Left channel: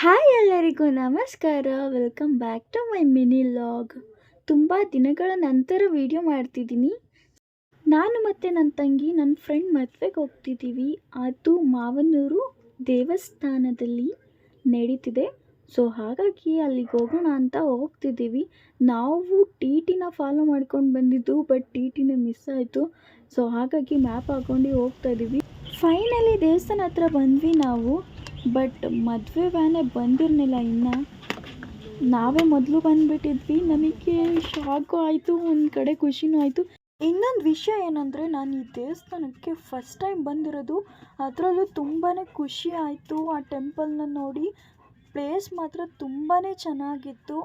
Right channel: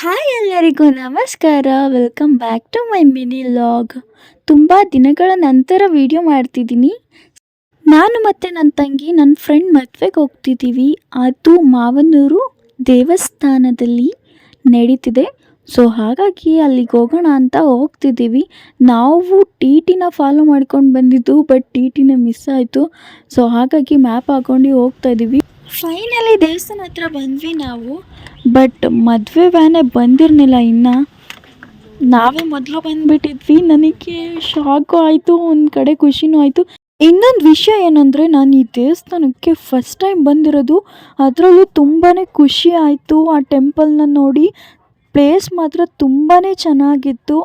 Hi ಎಲ್ಲರಿಗೂ ನಮಸ್ಕಾರ. Welcome back to my mini vlog. ತುಂಬ ದಿನಗಳ ನಂತರ ವಿಡಿಯೋ ಮಾಡ್ತಿದ್ದೀನಿ. ನಾನು ಮತ್ತು ನನ್ನ ತಂಗಿ ನನ್ನ ಫ್ರೆಂಡ್ ಮದುವೆಗೆ ಹೋಗ್ತಿದ್ದೀವಿ. ಅದು ಮಾವನೂರು ದೇವಸ್ಥಾನದಲ್ಲಿ ನಡೀತಿದೆ. ಸೊ ಹಾಗಾಗಿ ಅಲ್ಲಿಗೆ ಹೋಗೋಣ ಅಂತ ಹೋಗ್ತಿದ್ದೀವಿ. ನಾವು ಟಿ ಟಿನ ಫಾಲೋ ಮಾಡ್ಕೊಂಡು ಬಂದಿದ್ದು, ಬಟ್ ಟಿ ಟಿನ ಮಿಸ್ ಆಯಿತು. ಸೊ ಹಾಗಾಗಿ ಮ್ಯಾಪ್ ಹಾಕ್ಕೊಂಡು ಹೋಗ್ತಾ ಇದ್ದೀವಿ. ಫೈನಲಿ ದೇವಸ್ಥಾನ ಹತ್ರ ಬಂದ್ವಿ ನಾವು. ಬಟ್ ಮದುವೆ ವ್ಯಾನೇ ಬಂದಿರಲಿಲ್ಲ ಇನ್ನು. ನಾವೇ ಮೊದಲು ಬಂದುಬಿಟ್ಟಿದ್ವಿ. ನನಗೆ ಶಾಕು ಆಯಿತು, ಒಂದು ಕಡೆ ಖುಷಿನೂ ಆಯಿತು. ಇನ್ನೊಂದು ವಿಷಯ ಏನಂದರೆ, ನಾನು ಈ ದೇವಸ್ಥಾನಕ್ಕೆ ಫಸ್ಟ್ ಟೈಮ್ ಬಂದಿರೋದು. ಅದರಲ್ಲೂ ತುಂಬಾ ಖುಷಿ ಆಯಿತು ಆ ಟೆಂಪಲ್ನ ನೋಡಿ. ಪ್ಲೇಸ್ ಮಾತ್ರ ತುಂಬಾ ಚೆನ್ನಾಗಿತ್ತು.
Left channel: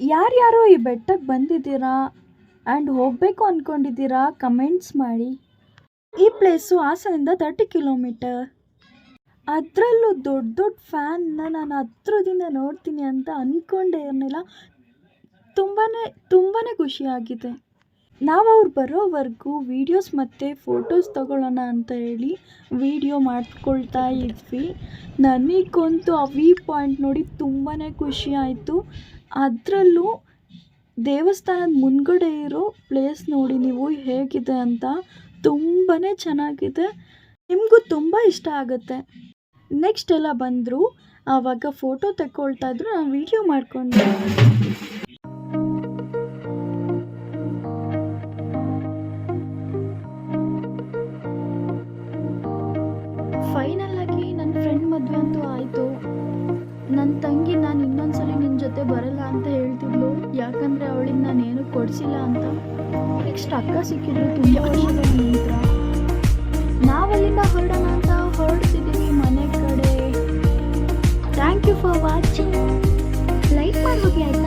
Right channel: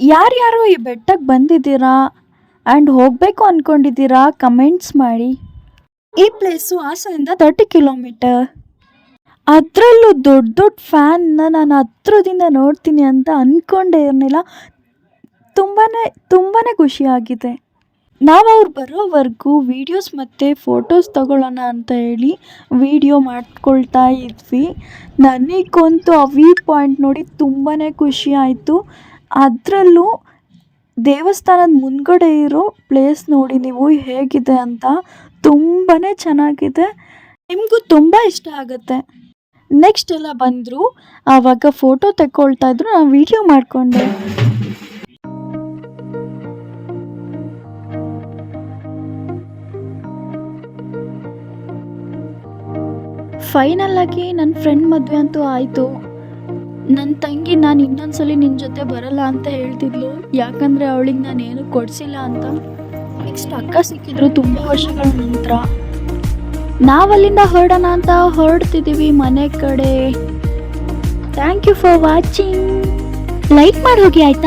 ಯಾರ್ಯಾರು ಈ ಬೆಟ್ಟಕ್ಕೆ ಬಂದಿದ್ದೀರಾ ಆ್ಯಂಡ್ ಹೋಗಬೇಕು ಅಂದ್ಕೊಂಡಿದ್ದೀರಾ ಕಮೆಂಟ್ಸ್ ಮಾಡಿ. ಈ ಪ್ಲೇಸು ಹಾಸನದಿಂದ 30 ಕಿಲೋಮೀಟರ್. ಅದರಲ್ಲೂ ದೊಡ್ಡ ದೊಡ್ಡ ಫ್ಯಾನ್ನ ನಾನು ಹತ್ರದಿಂದ ನೋಡ್ತೀನಿ ಅಂತ ಅಂದ್ಕೊಂಡೇ ಇರಲಿಲ್ಲ. ತುಂಬಾ ಖುಷಿಯಾಗಿದೆ. ನಾವು ಅವ್ರು ಬರೋವರೆಗೂ ವೀಡಿಯೋಸ್ ಮತ್ತು ಫೋಟೋಸ್ ತಗೊಳ್ಳೋಣ ಅಂತ ಹೇಳಿ ವೀಡಿಯೋ ಮಾಡ್ಕೊಳ್ತಾ ಇದ್ವಿ. ನನಗಂತೂ ಆ ವ್ಯೂ ಪಾಯಿಂಟ್ ನೋಡಿ ತುಂಬಾ ಖುಷಿ ಆಯಿತು. ಅದರಲ್ಲೂ ದೇವಸ್ಥಾನದ ಮುಂದ್ಗಡೆ ಇರೋ ಪ್ಲೇಸ್ ನೋಡಿ ನೀವು ಹೇಗಿದೆ ಅಂತ. ತುಂಬಾ ಚೆನ್ನಾಗಿದೆ. ನಿಮಗೂ ತುಂಬ ಇಷ್ಟ ಆಗುತ್ತೆ. ನೆಕ್ಸ್ಟ್ ಎಲ್ಲ ಬಂದರು, ಆವಾಗ ಫೋಟೋ ತೆಕ್ಕೊಳ್ತಾ ಇದ್ರು, ನಾನು ವೀಡಿಯೋ ಮಾಡಿಕೊಂಡೆ. ಫೈನಲ್ ಆಗಿ ನನ್ನ ಫ್ರೆಂಡ್ ಮದುವೆ ಅಂತೂ ಆಯಿತು. ನನ್ನ ತಂಗಿ ನಾನು ಇನ್ನೊಂದ್ಸಲಿ ನಿನ್ನ ಜೊತೆ ಬರಲ್ಲ ಅಂತ ಹೇಳ್ತಿದ್ಲು, ಯಾಕಂದರೆ ಅವಳಿಗೆ ನಾನು ಏನು ಕೊಡಿಸಿಲ್ಲ ಅಂತ. ನೆಕ್ಸ್ಟ್ ಅಕ್ಕ ಸಿಕ್ಕಿದ್ರು ತುಂಬ ವರ್ಷಗಳ ನಂತರ. ನಾವಲ್ಲಿಂದ ಹೊರಡೋಣ ಅಂತ ಹೊರಡ್ತಿದ್ದೀವಿ ಮನೆ ಕಡೆ. Thank you for watching. Like ಮಾಡಿ ಹೋಗಿ ಆಯಿತಾ.